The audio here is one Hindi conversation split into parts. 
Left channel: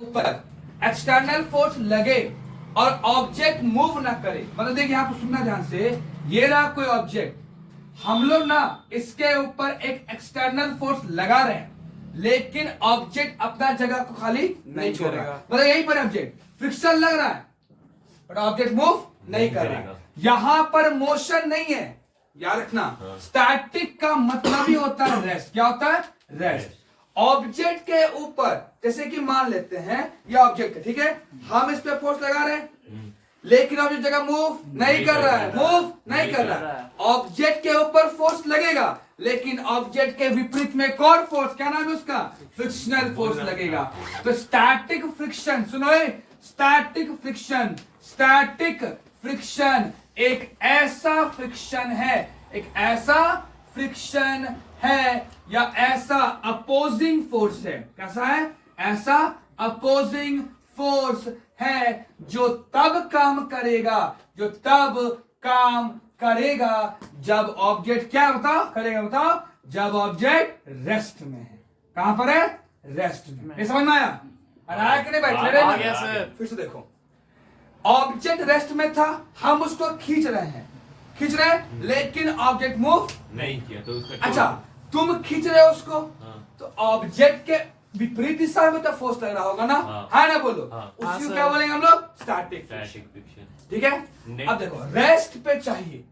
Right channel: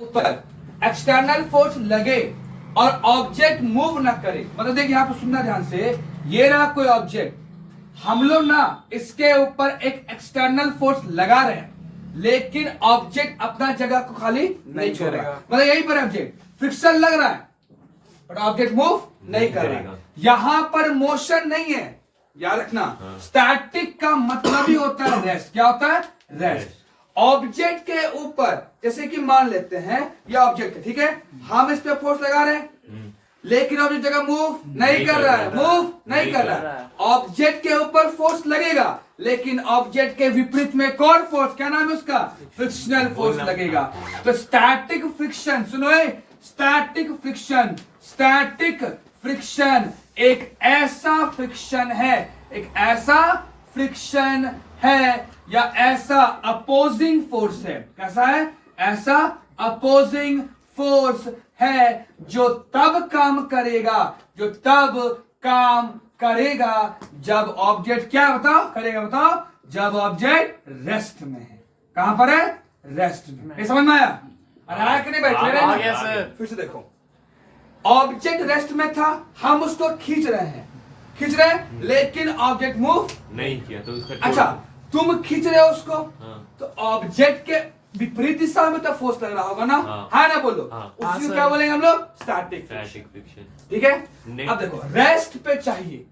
ऊपर एक्सटर्नल फोर्स लगे और ऑब्जेक्ट मूव ना करे, मतलब देखिए यहाँ पर सुनना ध्यान से, ये रहा कोई ऑब्जेक्ट, हम लोग ना इसके ऊपर एक एक्सटर्नल फोर्स लगा रहे हैं लेकिन ऑब्जेक्ट अपना जगह को खाली नहीं छोड़ेगा, मतलब यहीं पर ऑब्जेक्ट फ्रिक्शन लग रहा है बट ऑब्जेक्ट मूव नहीं कर रहा है। यहां पर मोशन नहीं है, याद रखना। स्टैटिक का मतलब ही होता है रेस्ट। क्या होता है? रेस्ट। ऑब्जेक्ट के ऊपर, जैसे कि मान लेते हैं ये ऑब्जेक्ट है, ठीक है, हम इस पे फोर्स लगा रहे हैं लेकिन ऑब्जेक्ट जगह मूव नहीं कर रहा है, मूव नहीं कर रहा है। ऑब्जेक्ट के ऊपर फोर्स लगेगा लेकिन ऑब्जेक्ट के विपरीत में एक और फोर्स, क्या नाम है उसका? फ्रिक्शनल फोर्स लगेगा। तो स्टैटिक फ्रिक्शन, सुनो, स्टैटिक फ्रिक्शन, स्टैटिक फ्रिक्शन एक ऐसा फ्रिक्शन है, एक ऐसा फ्रिक्शन है या ऐसा अपोजिंग फोर्स है। कैसा है? ऐसा अपोजिंग फोर्स है जो तब काम करेगा, जो तब काम करेगा जब ऑब्जेक्ट क्या बताओ करेगा, बताओ, जब ऑब्जेक्ट रेस्ट में है। कहां पर है? रेस्ट में। ये समझ में आया? अरे आया कि नहीं भाई? आ गया सर। फिर से देखो, ऑब्जेक्ट रेस्ट में था, हम उसको खींच रहे हैं लेकिन ऑब्जेक्ट मूव नहीं किया तो उसका अच्छा, तुम खींच रहे हो उसको, हाँ। तो ऑब्जेक्ट के विपरीत दिशा में तो फोर्स लग रहा होगा ना, हाँ। है ना? बोलो। हाँ। उसी को हाँ, क्या बोलेंगे हम लोग? Static friction. ठीक है। नहीं। अब देखो, रेस्ट पे चाहिए,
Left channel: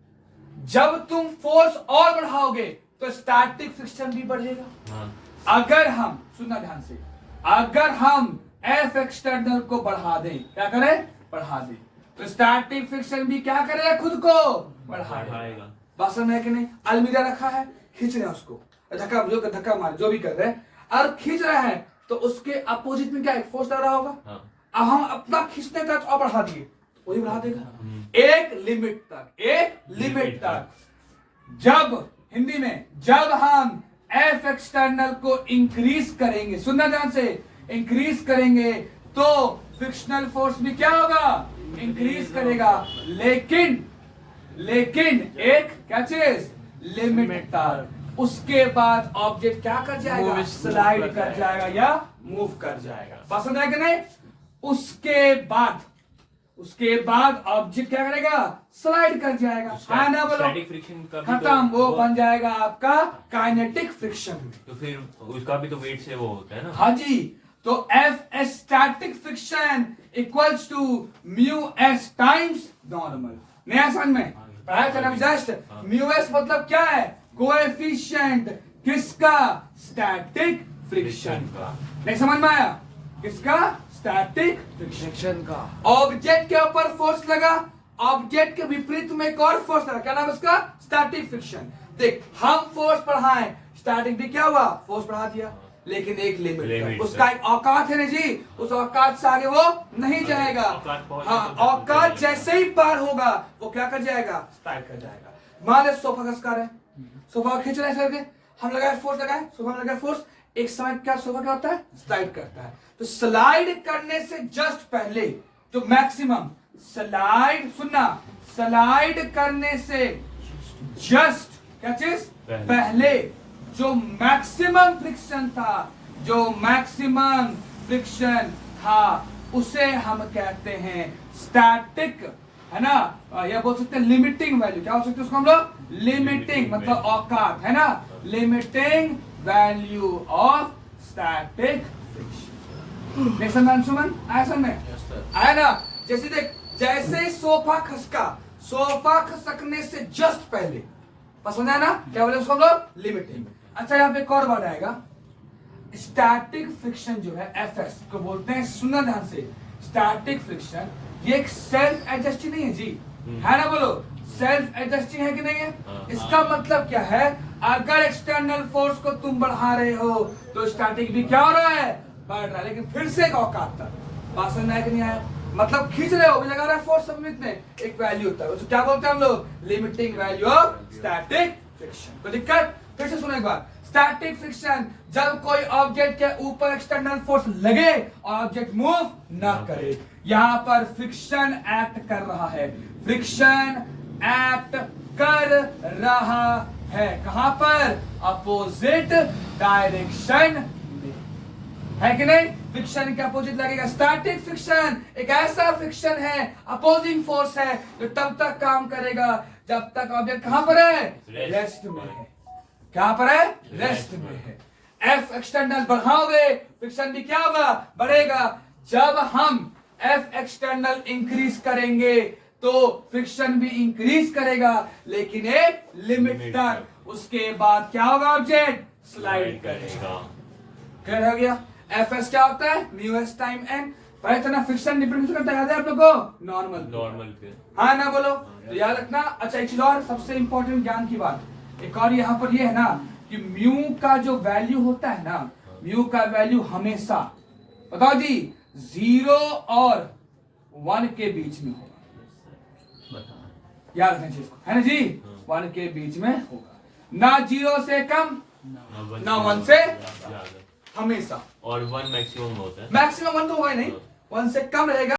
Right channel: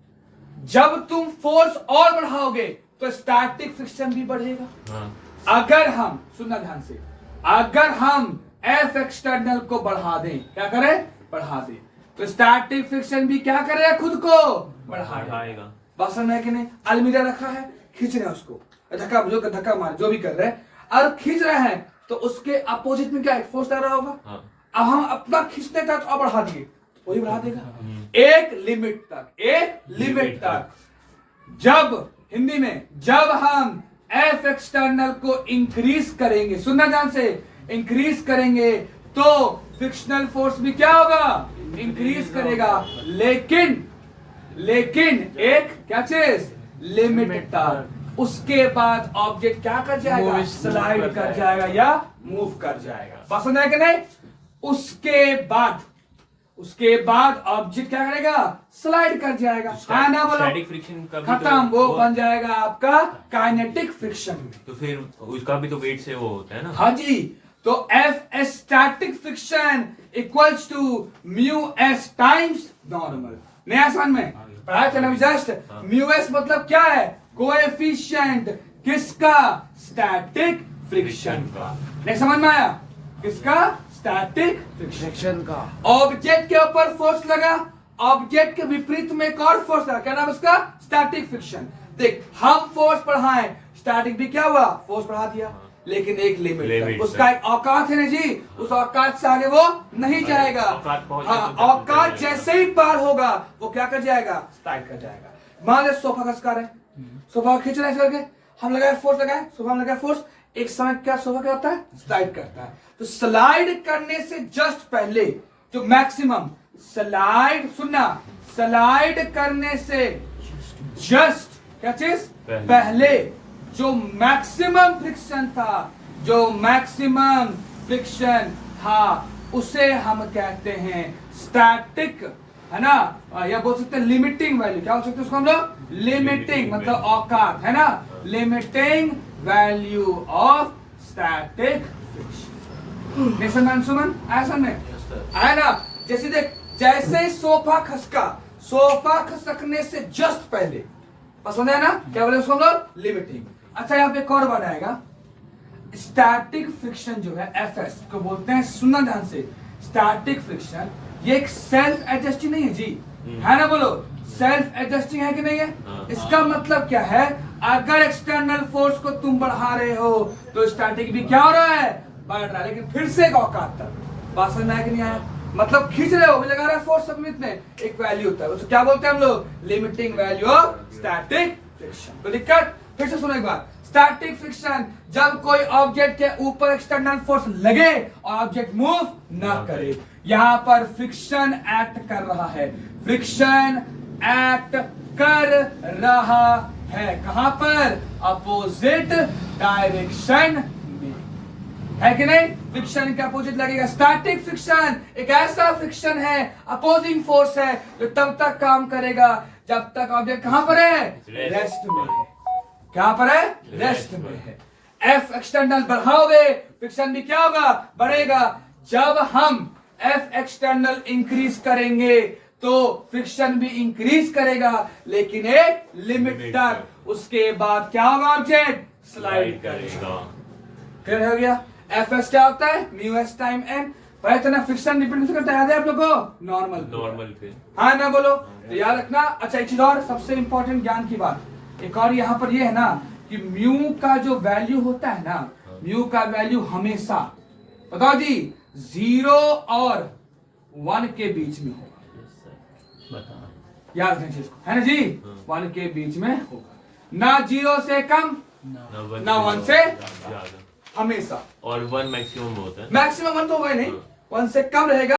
जब तुम फोर्स और बढ़ाओगे तो स्टैटिक फ्रिक्शन भी बढ़ेगा। हाँ। अगर हम, सुनना ध्यान से, अगर हम एफ एक्सटर्नल को बढ़ा दें, क्या करें? बढ़ा दें, तो स्टैटिक फ्रिक्शन भी क्या करेगा? खुद को बढ़ाएगा। बात समझ में है कि नहीं? अलमीरा रखा है, खींच रहे हैं उसको, धक्का मारे, जो भी कर रहे हैं और खींच रहे हैं, तो उसके अपोजिट में क्या है? फोर्स लग रहा होगा। हाँ। अब हम अपना खींचने का और बढ़ा दिए, वही बढ़ा देगा एक लिमिट तक, एक लिमिट तक। जब हिंदी में, जब हम एफ एक्सटर्नल को इंक्रीज करेंगे, सुनना ध्यान से, इंक्रीज करेंगे तो फ्रिक्शनल फोर्स भी क्या होगा? इंक्रीज करेगा, लेकिन एक क्या चीज? लिमिट तक। उसके बाद ऑब्जेक्ट क्या कर जाएगा? स्लाइड कर जाएगा या मूव कर जाएगा। पसंद है कि नहीं? उसके बाद ऑब्जेक्ट क्या करेगा? स्लाइड कर जाएगा, है ना? बोलो। स्टैटिक फ्रिक्शन का भी खत्म, वो बन जाएगा आपका काइनेटिक फ्रिक्शन में। तो फिर उसका भी तो वेट से वो होता है ना। हाँ जी, तो F S static friction equals to mu S times normal. नया समझ में पढ़ाया था ना जस्ट। म्यू एस मतलब क्या है? कोएफिशिएंट किसका? स्टैटिक फ्रिक्शन का। नहीं समझ में आया? किसका? स्टैटिक फ्रिक्शन का। ऑब्जेक्ट के ऊपर फोर्स लगा, ऑब्जेक्ट के विपरीत में एक और फोर्स लगा, क्या नाम उसका? Static friction. देख, हम फोर्स बढ़ाएं, स्टैटिक भी क्या हुआ? फोर्स बढ़ा दिया, लेकिन एक लिमिट तक। उसका एक औकात है ना जी, उस औकात से आगे वो नहीं जाएगा। हाँ, औकात जैसे ही पार होगा वो क्या कर जाएगा? स्लाइड कर जाएगा। मान ले सोफा खसका रहे, सोफा खींच रहे हैं, हम लगाए फोर्स, लगाए सोफा में लगाए फोर्स, एक समय क्या सोफा क्या होता है? स्लाइड करता है। तो स्लाइड करने से जस्ट पहले जो मैक्सिमम स्लाइड, सुनना, स्लाइड करने से जस्ट क्या चीज? पहले जो मैक्सिमम फ्रिक्शन था, उसे हम कहते हैं स्टैटिक, है ना? या बोल सकते हैं लिमिटिंग वैल्यू। क्या बोल सकते हैं उसको हम लोग? लिमिटिंग मतलब औकात, है ना? Limiting value of static friction. Suman आया समझ में? आया ना? जैसे देख, जैसे सोफा खसकने से जस्ट पहले, पसंद है ना? क्या बोले उसको हम लोग? लिमिटिंग। अच्छा, यहाँ पे एक और बनाएगा, स्टैटिक फ्रिक्शन जो है एफएस को बोलते हैं, सुनना ध्यान से, स्टैटिक फ्रिक्शन ये एक सेल्फ एडजस्टिंग नहीं है जी, है ना? बोलो, सेल्फ एडजस्टिंग है कि नहीं है? इसका मतलब क्या है? अगर एक्सटर्नल फोर्स को तुम बढ़ा रहे हो तो स्टैटिक भी क्या हो रहा है? बढ़ रहा है, लेकिन फिर से एक औकात तक। बात समझ में आया कि नहीं आया? मतलब खींच रहे हो, लगा रहा है फोर्स, सबमिट में एक वैल्यू होता है, उसको क्या बोलते हैं हम लोग? Limiting value of static friction. कोई दिक्कत? फिर से सुनो एक बार, स्टैटिक फ्रिक्शन जब कोई ऑब्जेक्ट के ऊपर एक्सटर्नल फोर्स लगे और ऑब्जेक्ट मूव ना करे। यहां पर फ्रिक्शन एक्ट कर रहा है, फ्रिक्शन एक्ट कर रहा है। कहां पर? अपोजिट डायरेक्शन में। है कि नहीं? फ्रिक्शन के अपोजिट लगेगा स्टैटिक फ्रिक्शन। एक ऐसा फ्रिक्शन है, अपोजिंग फोर्स है, जो तब तक काम करेगा जब तक ऑब्जेक्ट कहां पर है? रेस्ट में है। कहां पर है? रेस्ट में है। एफ एक्सटर्नल बढ़ाओगे, फ्रिक्शन भी क्या होगा? बढ़ेगा। जब हम एफ एक्सटर्नल इंक्रीज करेंगे तो फ्रिक्शन भी इंक्रीज करेगा, लेकिन एक लिमिट तक। उसके बाद क्या होगा? ऑब्जेक्ट स्लाइड करेगा। क्लियर हो गया? एफ एस क्या होता है? Mu S time N. भाई इतना फ्रिक्शन डिपेंडेंस करता है, याद है आप लोगों को? नॉर्मल पे। हाँ ना बोलो तो याद रखना। अच्छा एक चीज और सबसे इंपॉर्टेंट ज्ञान की बात, एक और यहाँ पर ये है ना कि म्यू का जो वैल्यू होता है ना, म्यू का वैल्यू हमेशा बताओ जी 0 और 1 के बीच में होगा। याद रखना चीज को, है ना जी? 1 के बीच में होगा, ना 0 से कम ना 1 से ज्यादा। हमेशा। और 1 मैक्सिमम होता है। मैक्सिमम 1 तो होगा ही नहीं, 1 से कम रहेगा।